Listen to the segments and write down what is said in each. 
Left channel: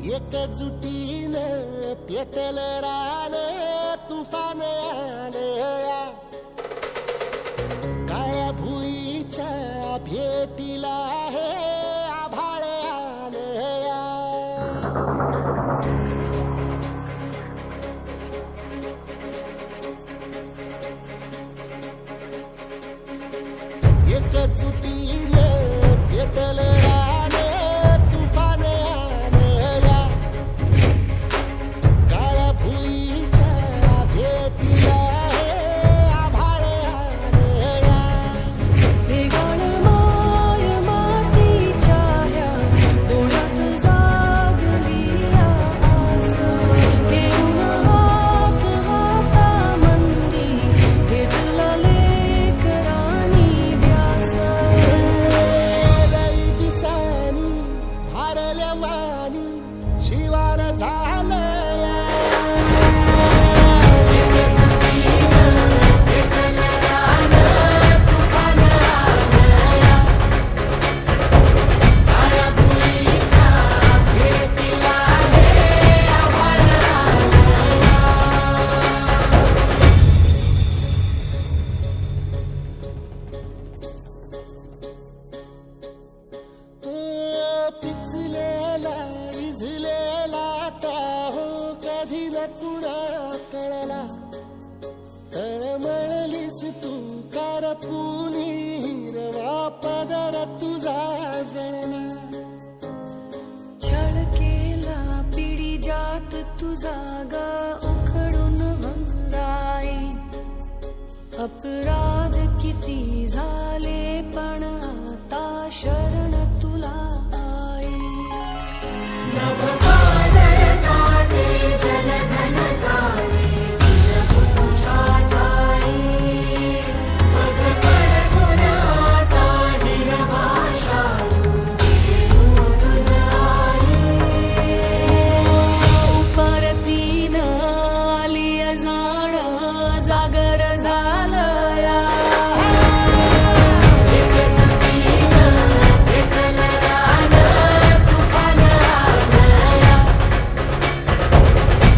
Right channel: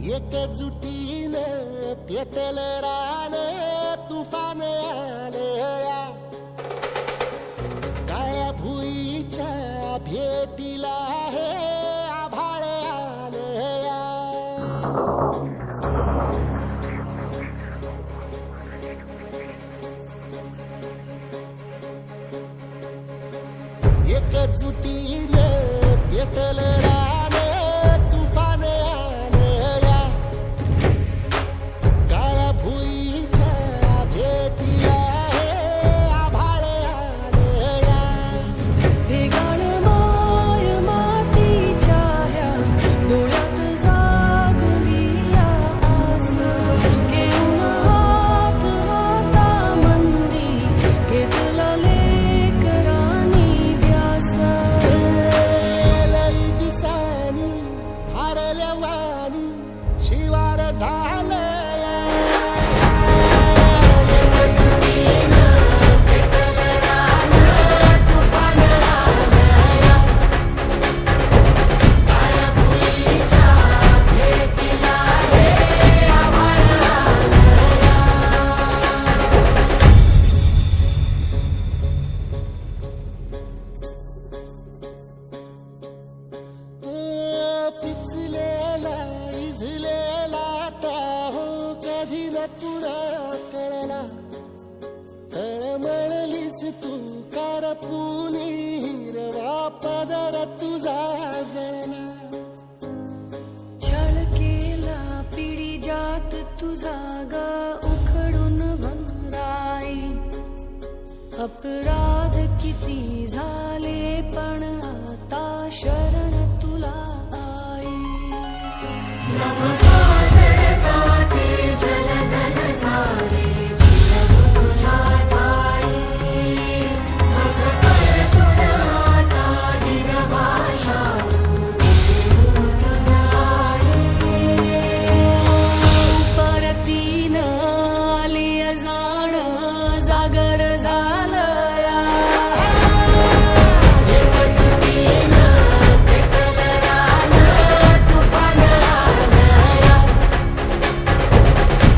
एकजुटीनं पेटल रान तुफान आलया काळ्या भुईच्या भेटीला हे आभाळ आलया एकजुटीनं पेटल रान तुफान आलया काळ्या भुईच्या भेटीला हे आभाळ आलया वेगाळ माय मातीच्या ह्या डोळ्यात जागली या आस घेऊन हात हातामंदी घेतला लेकरांनी ध्यास लई दिसानी भारल्या वाणी शिवार झालया एकजुटीनं पेटल रान तुफान आलया काळ्या भुईच्या भेटीला हे आभाळ आलया पिचलेला इझलेला टाहो कधी न कुणा कळला तळमळलीस तू कारपुनी हिरवा पदर तुझा जळला छळ केला पिढी जात तुझा ग उखडून वंगाई अपराध किती झाले पण आता शरण तुला आई परतीन आली जाण जागर झालया एकजुटीनं पेटल रान तुफान आलया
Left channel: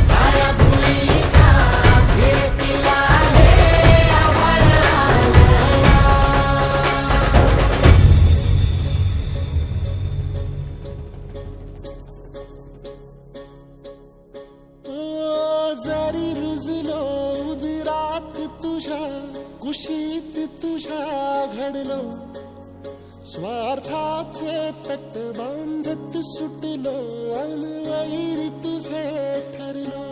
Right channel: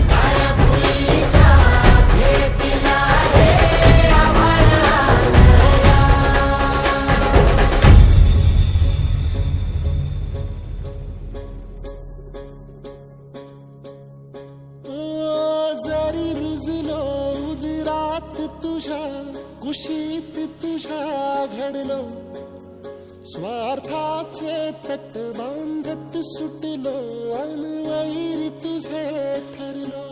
काळ्या भुईच्या भेटीला हे आभाळ आलया जरी रुजलो उदरात तुझ्या कुशीत तुझ्या घडलो स्वार्थाचे तट बांधत सुटलो अनवैरी तुझे ठरलो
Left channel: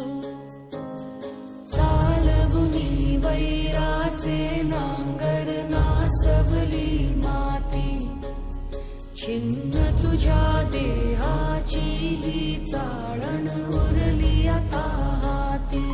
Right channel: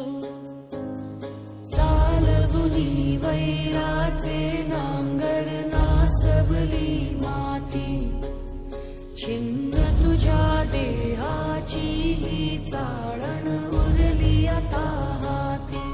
सालबुनी वैराचे नांगर नासबली माती छिन्न तुझ्या देहाची ही चाळण उरली आता हाती